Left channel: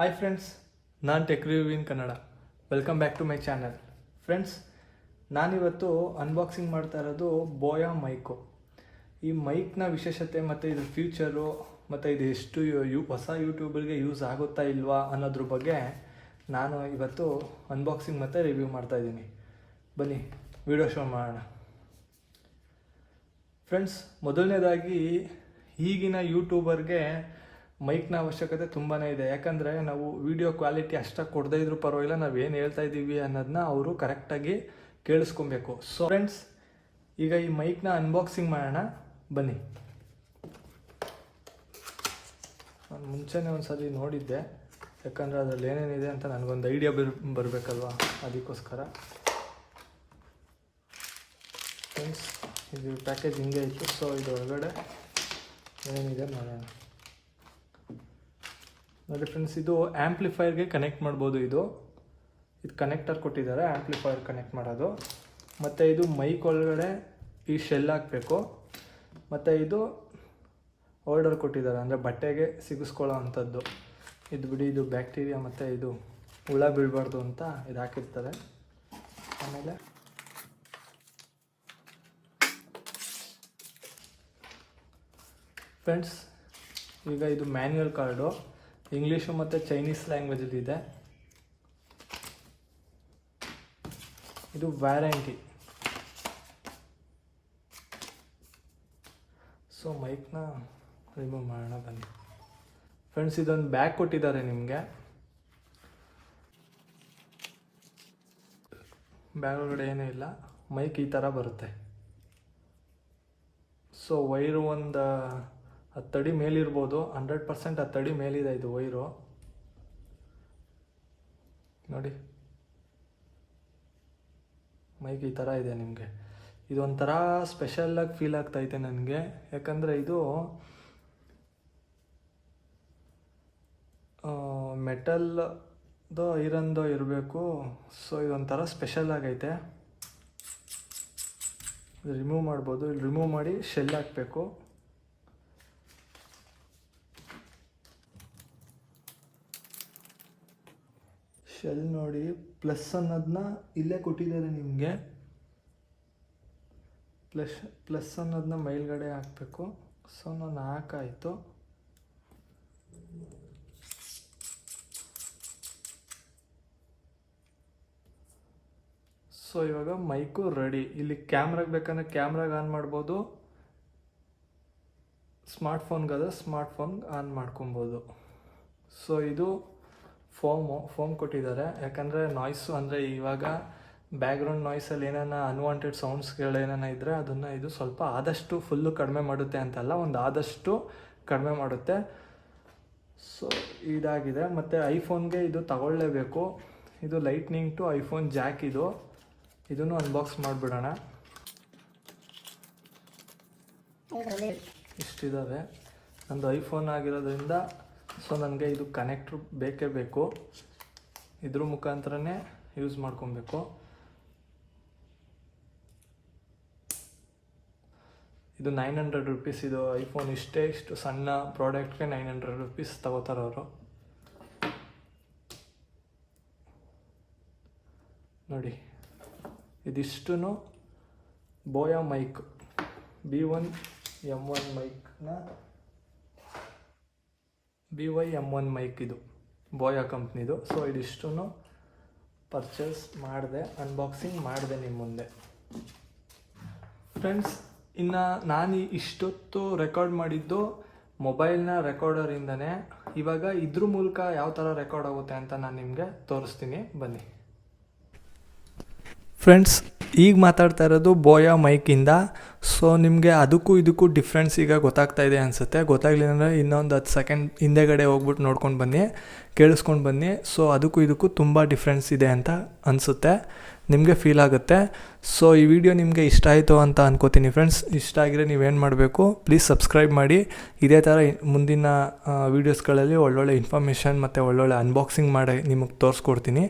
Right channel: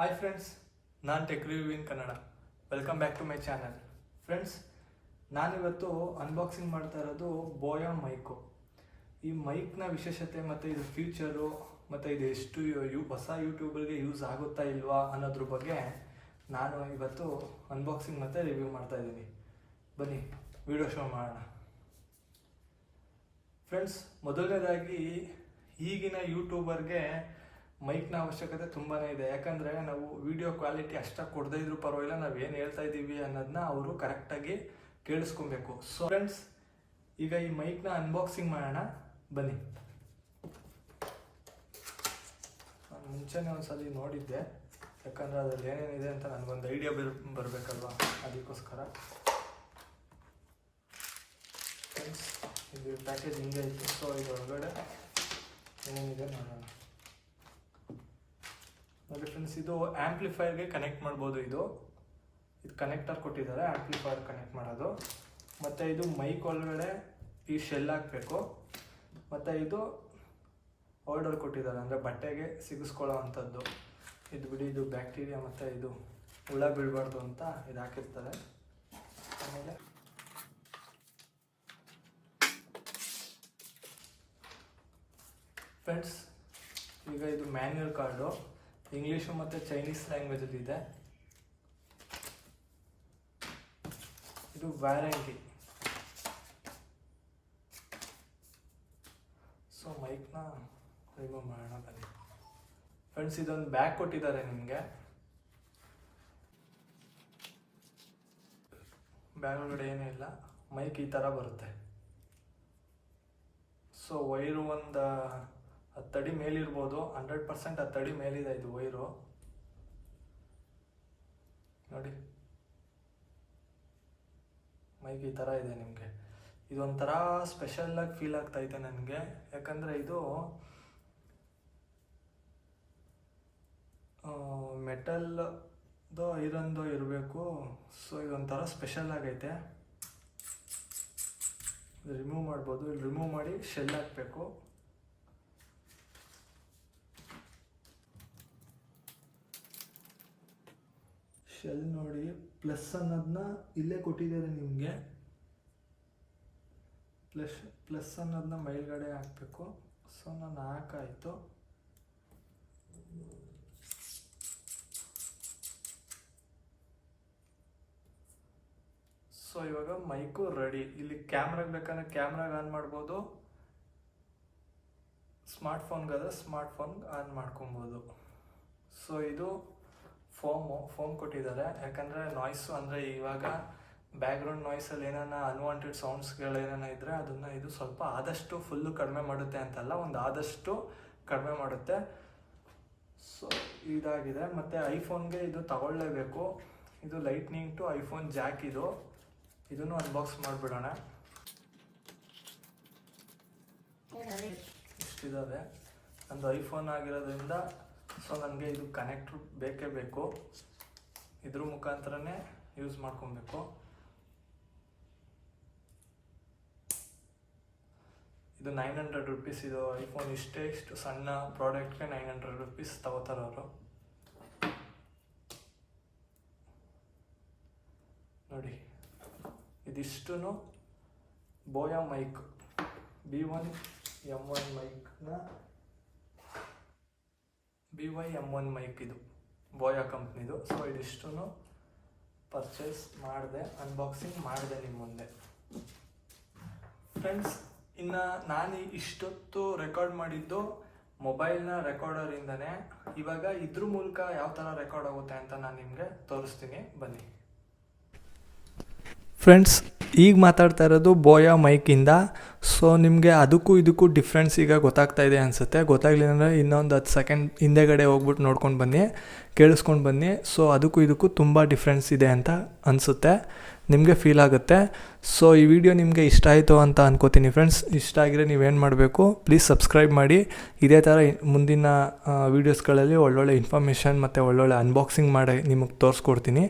Hi friends, ನಾನು tech review in Kannada. Welcome back to my channel. Friends, ನಾನಿವತ್ತು unboxing ಮಾಡ್ತಾ ಇರೋದು ಬೋಯಾ ಮೈಕು. ಈ ಮೈಕ್ನ ವಿಶೇಷತೆ ಮತ್ತು ಇದು ಫ್ಯೂಚರು ಮತ್ತು ಇದು ಎಷ್ಟು ಹೊಸ ಯೂಟ್ಯೂಬರ್ಗೆ ಯೂಸ್ ಆಗುತ್ತಾ ಇಲ್ವಾ ಅನ್ನೋದ್ರ ಬಗ್ಗೆ ನಾನು ಇವತ್ತು ಅನ್ಬಾಕ್ಸಿಂಗ್ ಮತ್ತು ರಿವ್ಯೂ ಮಾಡ್ತಾಯಿದ್ದೀನಿ. ಬನ್ನಿ ವಿಡಿಯೋ ಶೋ ಮಾಡೋಣ. ಫ್ರೆಂಡ್ಸ್, ಮೊದಲನೇದಾಗಿ ಈಗಿನ ಯೂಟ್ಯೂಬರ್ಗೆ ಮೈಕ್ನ ಅವಶ್ಯಕತೆ ತುಂಬಾ ಇದೆ. ಯಾಕಂದರೆ ನಾವು ವಿಡಿಯೋ ಕ್ವಾಲಿಟಿ ಅಷ್ಟಾಗಿ ಕೊಡದೇ ಇದ್ರೂ ಪರವಾಗಿಲ್ಲ, ನಾವೇನು ಹೇಳ್ತಾ ಇದ್ದೀವಿ ಅನ್ನೋದನ್ನ ಅವರು ಕರೆಕ್ಟಾಗಿ ಕೇಳಿಸ್ಕೊಬೇಕು. ಸೊ ಫ್ರೆಂಡ್ಸ್, ಈಗ ಈ ಮೈಕ್ನ ಅನ್ಬಾಕ್ಸಿಂಗ್ ಮಾಡೋಣ. ಬನ್ನಿ. ನಾನು ಮುಂಚೆನೇ ಒಂದ್ಸಲಿ ನೋಡಿದ್ದೆ, ಯಾಕಂದರೆ ಅದರಲ್ಲಿ ಏನೇನಿದೆ ಅಂತ ನನಗೊಂದು ಐಡಿಯಾ ಬರಬೇಕಲ್ವ, ಅದಕ್ಕೋಸ್ಕರ. ಫ್ರೆಂಡ್ಸ್, ಇದು ಪ್ಯಾಕೇಜ್ ಹಿಂಗೆ ಇತ್ತು. ಸೊ ಇದು ಒಳಗಡೆ ಏನೇನಿದೆ ನೋಡೋಣ. ನೋಡಿ ಫ್ರೆಂಡ್ಸ್, ಇದು ಆ್ಯಂಪ್ಲಿಫೈರ್ಗೆ ಕನೆಕ್ಟ್ ಮಾಡ್ಬೋದು. ಇದು ಕನೆಕ್ಟರ್ ಕೊಟ್ಟಿದ್ದಾರೆ, ಆ್ಯಂಪ್ಲಿಫೈರ್ ಕನೆಕ್ಟ್ ಮಾಡೋದು. ಮತ್ತು ಇದು ಮೈಕ್ ಒಳಗಡೆ ಈ ಶೆಲ್ ಹಾಕಬೇಕು. ಮತ್ತು ಇದು ಹೋಲ್ಡರ್ ಕೊಟ್ಟಿದ್ದಾರೆ, ಅಂದರೆ ಬಟ್ಟೆಗೆ ಸಿಗಿಸ್ಕೊಳ್ಳೋ ಅಂಥದ್ದು. ಇದು ಬಿಡಿ, ಇದು ಬ್ಯಾಕ್ಟೀರಿಯಾ ಮತ್ತು ಇದು ಹುಳ ಬೀಳಬಾರ್ದು ಅಂತ ಇದು ಹಾಕಿರ್ತಾರೆ. ಆಮೇಲೆ ಫ್ರೆಂಡ್ಸ್, ಈಗ ಇದು ಮ್ಯಾನ್ಯುಯಲ್ ಕಾರ್ಡು, ಇಂಗ್ಲೀಷು ಮತ್ತು ಚೈನೀಸ್ ಲ್ಯಾಂಗ್ವೇಜಲ್ಲಿದೆ. ಇದು ವ್ಯಾರಂಟಿ. ಸೊ ಮೈಕ್ನ ರಿಮೂವ್ ಮಾಡೋಣ ಬನ್ನಿ. ಫ್ರೆಂಡ್ಸ್, ಇದೊಂದು ಬ್ಯಾಗ್ ಕೊಟ್ಟಿದ್ದಾರೆ ನಿಮಗೆ. ಬ್ಯಾಗ್ ಒಳಗಡೆ ಏನೂ ಇಲ್ಲ, ಮೈಕ್ ಈ ಥರ ಬರುತ್ತೆ. ಸೊ ವೈರು ಒಂದು 10 ಅಡಿ ಮೇಲಿರ್ಬೋದು, 100% 10 ಅಡಿ ಮೇಲಿದೆ ಇದು ವೈರು. ನೋಡಿ, ಮೈಕ್ ಈ ಥರ ಇದೆ ನಿಮಗೆ. ಇದೊಂಥರ ಸ್ಪೆಷಲಾಗಿ ಫೀಲ್ ಆಗ್ತಾಯಿದೆ ನನಗೆ, ಯಾಕಂದರೆ ಇದು ಮೆಟಲ್ದೋ ಐರನ್ದೋ ಇರಬೇಕು. ಸೊ ಇದೊಂಥರ ಸ್ಪೆಷಲ್ ಆಗೈತೆ. ರಿಮೂವ್ ಮಾಡ್ಬೋದು. ಇಲ್ಲಿ ರಿಮೂವ್ ಮಾಡಿ ಶೆಲ್ ಹಾಕಬೇಕು. ಶೆಲ್ ನೋಡಿ, ಪ್ಲಸ್ ಅನ್ನೋದನ್ನ ಇಲ್ಲೇ ಕೊಟ್ಟಿದ್ದಾರೆ ನಿಮಗೆ. ಪ್ಲಸ್ ಅನ್ನೋದನ್ನ ಮೇಲ್ಗಡೆ ಹಾಕಬೇಕು. ಸೊ ನಾನು ಹಾಕಾಯಿತು. ಸೊ ಇವಾಗ ಮೈಕು ರೆಡಿ. ಇಲ್ಲಿ ಕ್ಯಾಮ್ರಾಗೆ ಬೇಕಂದರೆ ಕ್ಯಾಮ್ರಾಗೆ ಆನ್ ಮಾಡ್ಬೋದು, ಸ್ಮಾರ್ಟ್ಫೋನ್ಗಾದ್ರೆ ಸ್ಮಾರ್ಟ್ಫೋನ್ ಆನ್ ಮಾಡ್ಕೊಬೋದು. ಸೊ ಇದು ಫೋಮ್ ಕೊಟ್ಟಿದ್ದಾರೆ, ಯಾಕಂದರೆ ನಾಯ್ಸು, ಅಂದರೆ ಇವಾಗ ಬ್ಯಾಕ್ಗ್ರೌಂಡ್ ನಾಯ್ಸಲ್ಲಿ ಏನಾನ ಅನ್ವಾಂಟೆಡ್ ಸೌಂಡ್ಸ್ಗಳೇನಾನ ಇದ್ದರೆ ಅದನ್ನು ಇದು ಸ್ವಲ್ಪ ಆದಷ್ಟು ಫುಲ್ಲು ಕಡಿಮೆ ಮಾಡುತ್ತೆ ಅಂತಲ್ಲ, ಒಂದು ಆದಷ್ಟು ಕಡಿಮೆ ಮಾಡುತ್ತೆ. ಸೊ ಇದಾಗಿದೆ. ಮತ್ತು ಐಫೋನ್ಗೆ ಇದು ತಗೊಳ್ಳೇಬೇಕು. ಇದು ಲೈಟ್ನಿಂಗ್ ಟು ಐಫೋನ್ ಜಾಕ್. ಇದನ್ನು ಅನ್ಬಾಕ್ಸ್ ಮಾಡಿಬಿಡೋಣ. ಇಷ್ಟಿದ್ದಾವೆ. ನಂದು ಐಫೋನ್ ಆಗಿರೋದ್ರಿಂದ ಸೊ ನನಗೆ ಇದು ಕನೆಕ್ಟ್ರು ಬೇಕೇ ಬೇಕು. ಇದ್ರ ಮುಖಾಂತರನೇ ಯೂಸ್ ಮಾಡ್ಕೊಬೇಕು. ಇದು 900 ರೂಪೀಸ್. ಇದು ಐಫೋನ್ ಇಷ್ಟು ಸಣ್ಣ ಪ್ರಾಡಕ್ಟ್ಗೆ 900 ರೂಪೀಸ್ ತಗೋತಾರೆ ಅವರು. ನೋಡಿ, ಇದಿಷ್ಟು ಬೋಯಾ ಮೈಕ್ B1M1 ಮೈಕ್ನ BYM1 ಮೈಕ್, ಇದು ಬೋಯಾ ಕಂಪ್ನಿದು. ಸೊ ಇದಿಷ್ಟು ಪರ್ಚೇಸ್ ಮಾಡಿದೆ, ಅನ್ಬಾಕ್ಸಿಂಗ್ ಮಾಡಿದೆ ನಿಮ್ಮ ಮುಂದೆ. ಫ್ರೆಂಡ್ಸ್, ಇನ್ನು ನಾನು ಇಷ್ಟೊತ್ತು ರೆಕಾರ್ಡ್ ಮಾಡಿದ್ದು ಮೊಬೈಲ್ನ ರೆಕಾರ್ಡರಿಂದನೇ. ಇವಾಗ ಇದ್ರ ಮೂಲಕ ಯಾವ ಥರ ರೆಕಾರ್ಡ್ ಆಗುತ್ತೆ ಅಂತ ನಾನು ನಿಮಗೆ ತೋರಿಸ್ತೀನಿ. ಬನ್ನಿ. ಫ್ರೆಂಡ್ಸ್, ಈಗ ಮಾತಾಡ್ತಾ ಇರೋದು ಬೋಯಾ ಮೈಕಿಂದ. ಸೊ ನಿಮಗೆ ಅದಕ್ಕೂ ಇದಕ್ಕೂ ಡಿಫ್ರೆನ್ಸ್ ಈಗ ಗೊತ್ತಾಗ್ತಾ ಇದೆ ಅನಿಸುತ್ತೆ. ಗೊತ್ತಾಗಲಿಲ್ಲ ಅಂದರೆ ಇನ್ನೊಂದು 10 ಸೆಕೆಂಡ್ ಹಿಂದೆಗಡೆ ಹೋಗ್ಬಿಟ್ಟು ನೋಡ್ಕೊಂಡು ಬನ್ನಿ, ಕೇಳಿಸ್ಕೊಂಡು ಬನ್ನಿ. ಸೊ ಅದಕ್ಕೂ ಇದಕ್ಕೂ ತುಂಬ ಡಿಫ್ರೆನ್ಸ್ ಇದೆ ಅಂತ ಅನಿಸುತ್ತೆ, ನಿಮಗೆ ಫೀಲ್ ಆಗುತ್ತೆ. ಸೊ ಈ ವಿಡಿಯೋ ನಿಮಗೆ ಇಷ್ಟ ಆಯಿತು ಅಂತ ಅನ್ಕೋತೀನಿ ಫ್ರೆಂಡ್ಸ್. ಇಷ್ಟ ಆಗಿದ್ರೆ ನೀವೇನು ಮಾಡಬೇಕು, ಪ್ಲೀಸ್ ಸಬ್ಸ್ಕ್ರೈಬ್ ಮಾಡಿ. ಇದೇ ಥರ ಮುಂದಿನ ವೀಡಿಯೋಸ್ಗಳಲ್ಲಿ ಒಳ್ಳೊಳ್ಳೆ ಇನ್ಫಾರ್ಮೇಷನ್ ಮತ್ತು ಒಳ್ಳೊಳ್ಳೆ ಅನ್ಬಾಕ್ಸಿಂಗ್ ಮಾಡಿ ನಿಮಗೆ ತೋರಿಸ್ಕೊಡ್ತೀನಿ.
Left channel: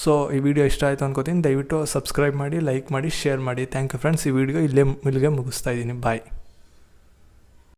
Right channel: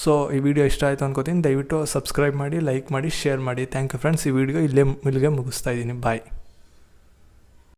ಸೊ ಈ ವಿಡಿಯೋ ಇಷ್ಟ ಆಯಿತು ಅನ್ಕೋತೀನಿ. ದಯವಿಟ್ಟು ಸಬ್ಸ್ಕ್ರೈಬ್ ಮಾಡಿ, ಲೈಕ್ ಮಾಡಿ, ಶೇರ್ ಮಾಡಿ. Thank you friends. ಈ ವಿಡಿಯೋ ಇಲ್ಲಿಗೆ ಮುಗಿಸ್ತಾ ಇದ್ದೀನಿ. ಬಾಯ್.